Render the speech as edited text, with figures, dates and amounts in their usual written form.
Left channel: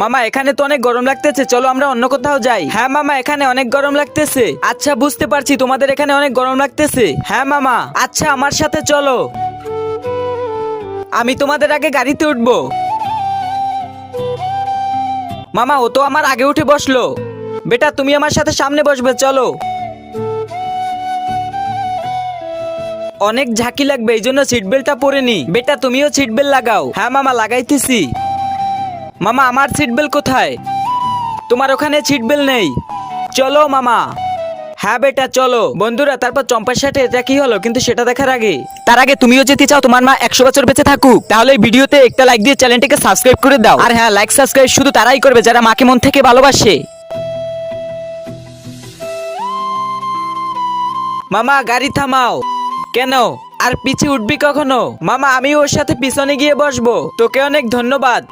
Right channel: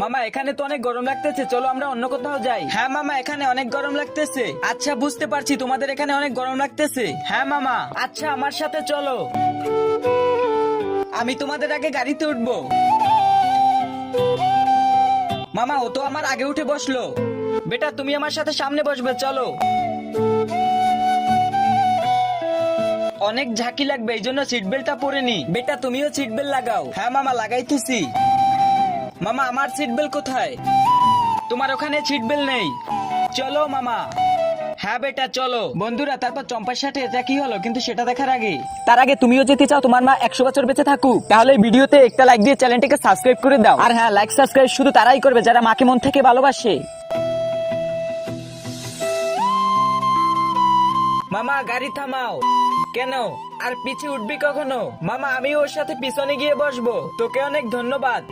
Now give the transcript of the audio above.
মামা এখানে তো অনেক গরম লাগতেছে, চলো আমরা অন্য কোথাও যাই। হ্যাঁ মামা, এখানে অনেক গরম লাগতেছে। আচ্ছা বুঝতে পারছি তোমাদের এখানে অনেক গরম লাগতেছে। হ্যাঁ মামা, আচ্ছা আমার সাথে চলো, আমি তোমাদের আগে গাড়িতে উঠবো। মামা ও তো আমার আগে উঠে বসলো। বেটা তুমি আমার সাথে সামনে বসবে, চলো। অনেক ঝাঁকি লাগবে, এই জন্য সিট বেল্টটা পরে নি। বেটা তুমিও সিট বেল্ট লাগাও। হ্যাঁ মামা লাগাইতেছি। মামা আমার সিট বেল্ট কোথায়? তোমার ওখানে সিট বেল্ট নেই। চলো মামা। হ্যাঁ বেটা চলো। বন্ধুরা তারপর চম্পার সাথে এটা কি হলো কিন্তু সেটা দেখার আগে, তার আগে তুমিও যেতে চাও তোমার মা 100 বছর বেঁচে থাকুক, তাহলে এই ভিডিওতে একটা লাইক দিয়ে চ্যানেলটিকে সাবস্ক্রাইব করে দাও। আর হ্যাঁ, লাইক সাবস্ক্রাইব শুধু তারাই করবে যারা মাকে মন থেকে ভালোবাসে। মামা গাড়ি থামাও। কেন? আর পিছে উঠবি কখনো? মামা আমি ওর সাথে পিছনে গিয়ে বসবো। তোকে অনেক ধন্যবাদ।